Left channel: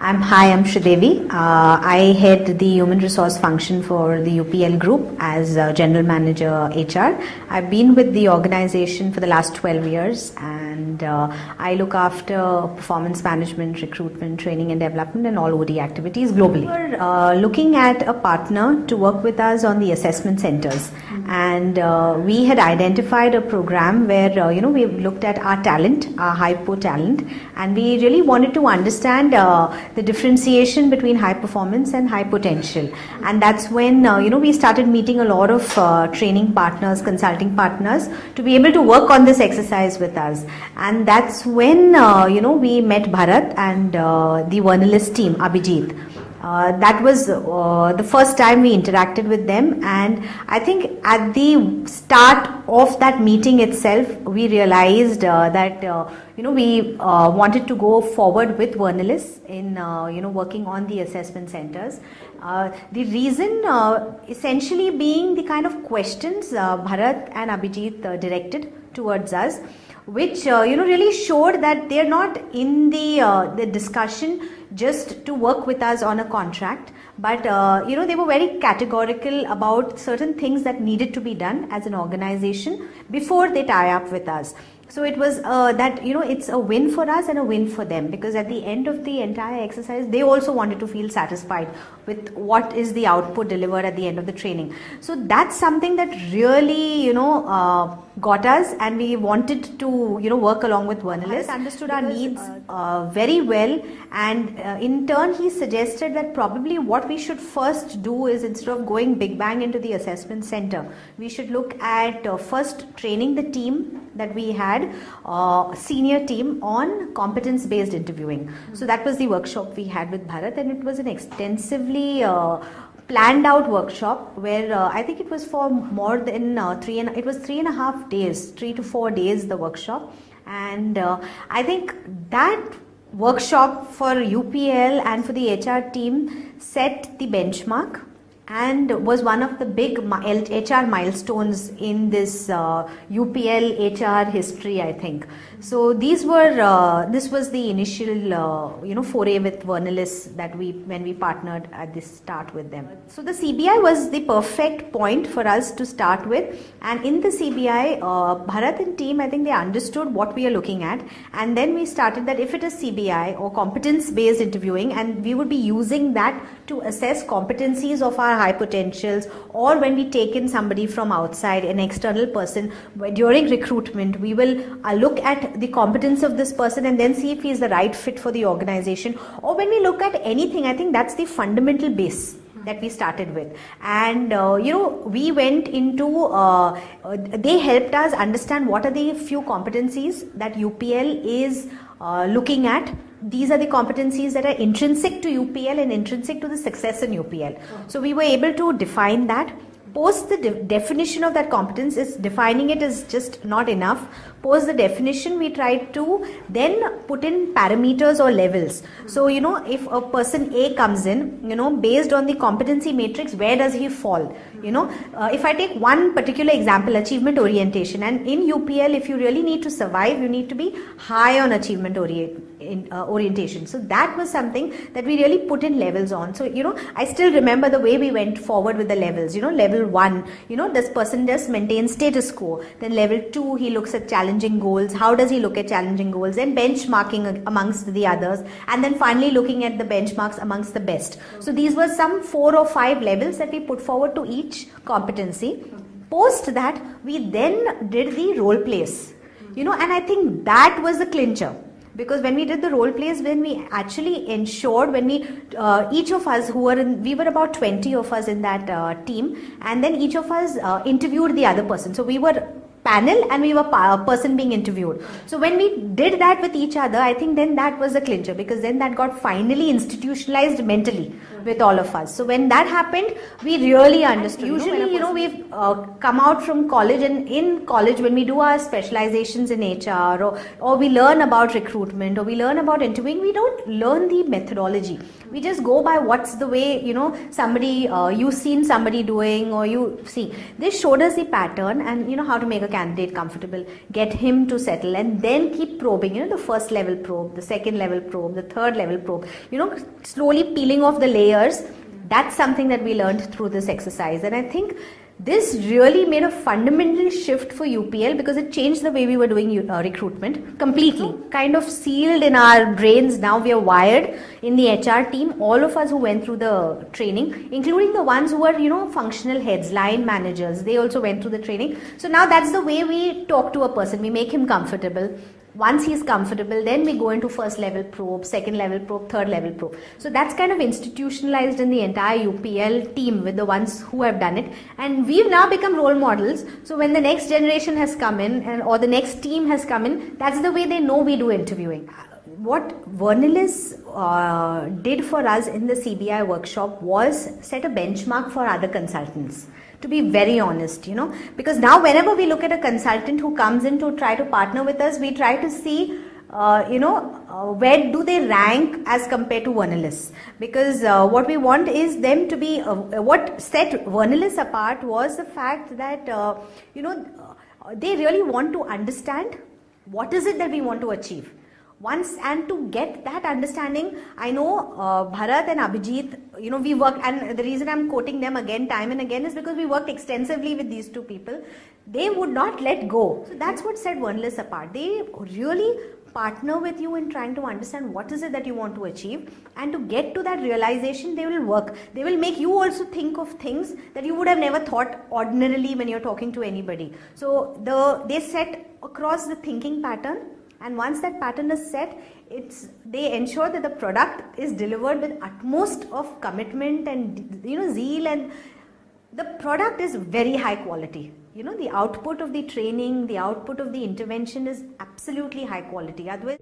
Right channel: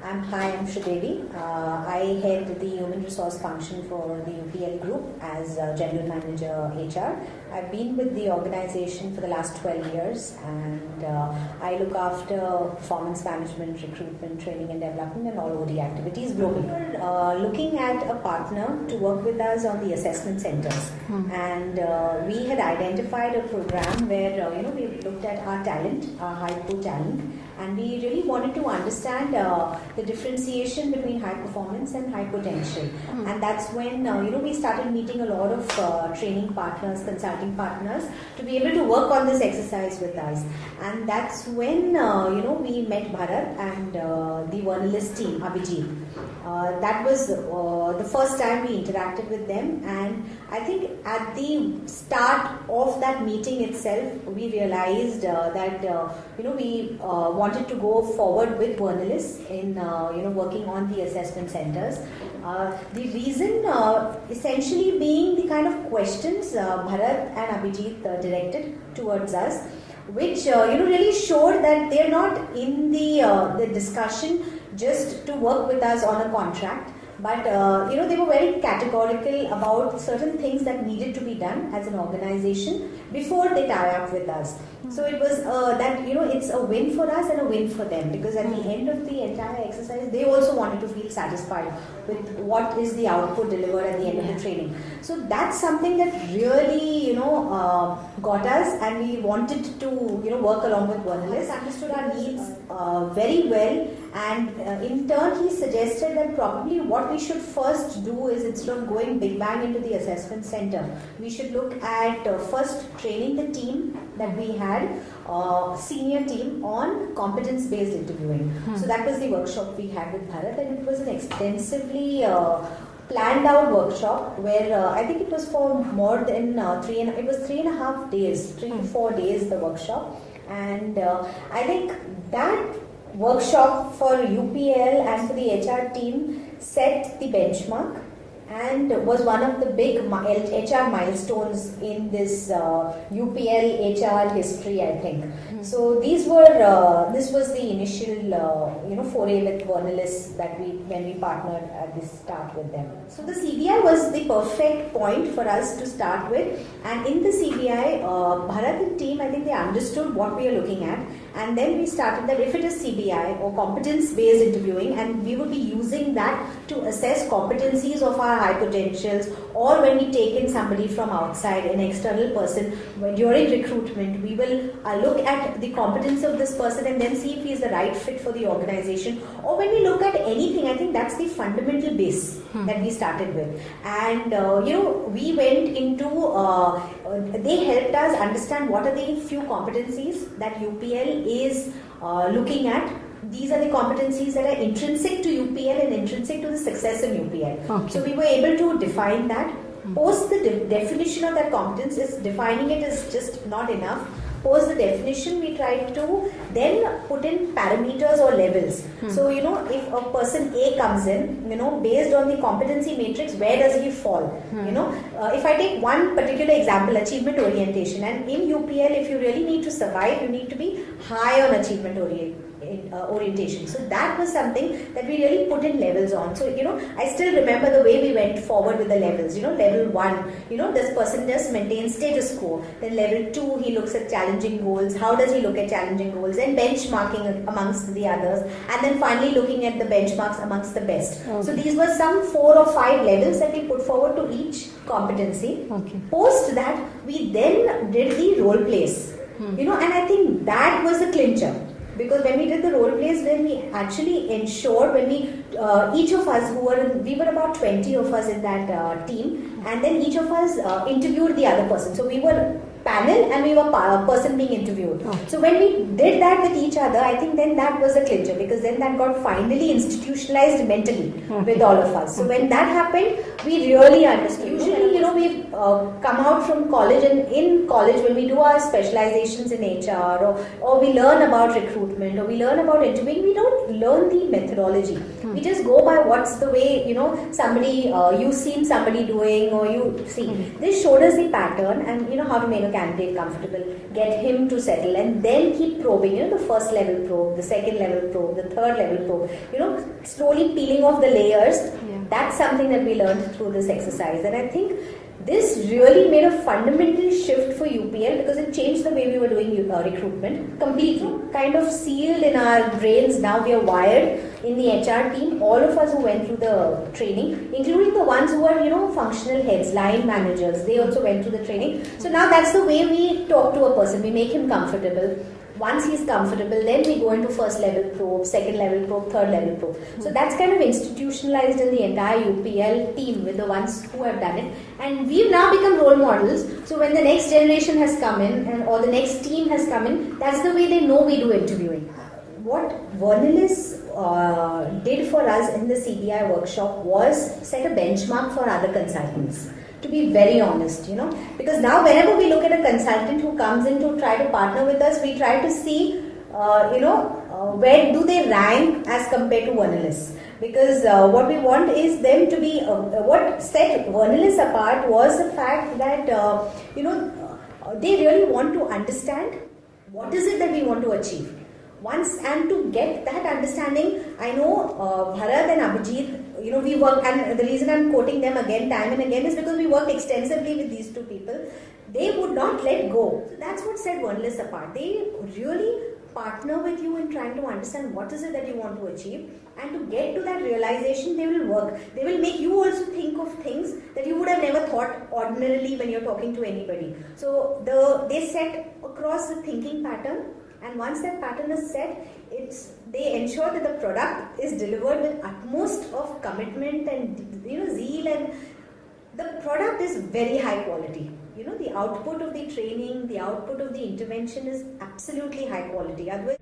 I'm Shridevi. I head the human resource function for the UPL group as General Manager HR. I've been with the organization for the last 12 years and I look after performance management, recruitment, training and development and all OD activities globally. We're looking at a partner to work with us on the assessment centers. And we had identified a program where we looked at our talent, our hypo talent, and we really wanted to understand the differentiation between high performance and high potential. And that's when we started meeting a lot of training partners, consulting partners to be able to work on this exercise with us. And that's when we met Bharat and the Vernalist team, Abhijit. That was the first time we interacted with them, and I think at the start of that meeting itself we realized that we wanted to go forward with Vernalist in working on the assessment centers. The reason essentially being the kind of questions Bharat and Abhijit directed towards us, which really showed that they're not in the discussion just to work with us on a contract, but they were very categorical about certain things that needed to be done as an organization before they tie up with us. So it was that it's a win for us and a win for them, because at the end of the entire exercise they also wanted to feel satisfied with what is the output delivered at the end of the training. So that's something that really got us, and we wanted to work along with Vernalist, understood our needs very well, and in turn he suggested that probably what we should first do is, instead of going big bang into the assessment center, we should look at first training the team that we had, senior team, on competence based interviewing. So that was the workshop we had with Bharat, and it was an extensively planned out workshop where I think it was for more than 3.5 days, 3 to 4 days the workshop. And I think that workshop for UPL and for the HR team set the benchmark and was one of the big HR milestones in this UPL HR history, I think. So these were this was the initial foray with Vernalist that when we partnered at the start with them. So the CBI was the perfect point for us to start with, and in the CBI Bharat and team, I think they understood what we are looking at, and then we started that if it is CBI or competence based interviewing, and we would be using that to assess competencies of our high potentials, or when we take in somebody from outside, an external person, during recruitment we will look at the competence of this person and then see if he is the right fit for the organization. Or when we look at anything, I think that's the fundamental base that we started with. And we went into they helped us understand what are the few competencies that UPL is looking at. These are the competencies that are intrinsic to UPL and intrinsic to the success in UPL. Okay. So we were able to define that. Post the definition of that competence, is defining it is just not enough. Post the definition, we tried to then put in parameters or levels. So if a person A comes in, based on the competency matrix, where does he fall? If I take one particular example, achievement orientation, and in UPL, if you really need to survive, you need to be high on achievement orientation. So that was something that we really put in levels on. So I still remember the way we went forward with the levels. Level 1, this person just maintains status quo. Then level 2, he looks at challenging goals. How does he look at challenging goals? Then benchmarking amongst the others, and then finally looking at the benchmarks amongst the best. Okay. So these were some 4 or 5 levels that we put forward to each competency. Okay. Post that, we then did the role plays. And I think that was the clincher. Because when we did the role plays, when we actually ensured, when we each of us we were about 20 of us in that team, and then each of us interviewed the other person. So we were panel and we were person being interviewed. Okay. So when we did that with each other, I think then that was a clincher, because then that got finally institutionalized mentally with all of us. So when that happened, we really understood. Usually, we've come out from college, and in college when we do our specializations in HR or we learn about recruitment or we learn about interviewing, we don't learn the methodology. We just go by what's the way, somebody, you've seen somebody doing, or you see. This showed us the pattern and how to make a candidate comfortable, get him to settle, and then keep probing, the first level probe, the second level probe, the third level probe, slowly peeling off the layers. That's something that we learned through this exercise. And I think this really made a fundamental shift for UPL because it changed the way we were doing recruitment completely. Kind of sealed in our brains. Now we are wired in the HR team. All of us who went through the training, including the ones who were, functional heads, line managers, they also went through the training. So now that's the way we talk to a person. We make him comfortable. Once he's comfortable, then we go into first level probe, second level probe, third level probe. So that's kind of institutionalized in the entire UPL team with the ones who have done it. And we've now become role models. So when the next generation has come in or the next team has come in, that's the way they know we do interviewing. What Vernalis did for us in the CBI workshop was set a benchmark for other consultants. To be very honest, because now whenever we look at a consultant who comes in to try to partner with us, we try to see, where do they rank as compared to Vernalis. Because what we want is them to be, what set Vernalis apart was the fact that, they really want to understand what is it that we want to achieve. And to get that understanding, I know Bharat and Abhijit, we work, and the reason I'm quoting them again, time and again, is because we worked extensively with these two people. They would not let go. So that's what set Vernalis apart. They really partner with you in trying to understand what is it that you want to achieve, and to get to that realization, they will work. They will make you also think of things that you would have never thought ordinarily when you're talking to anybody. So they set across the thinking pattern. And once that pattern is set, they ensure that the product is delivered with utmost of commitment and zeal, and the product is very high quality. The output of the training, the output of the intervention is absolutely high quality. Otherwise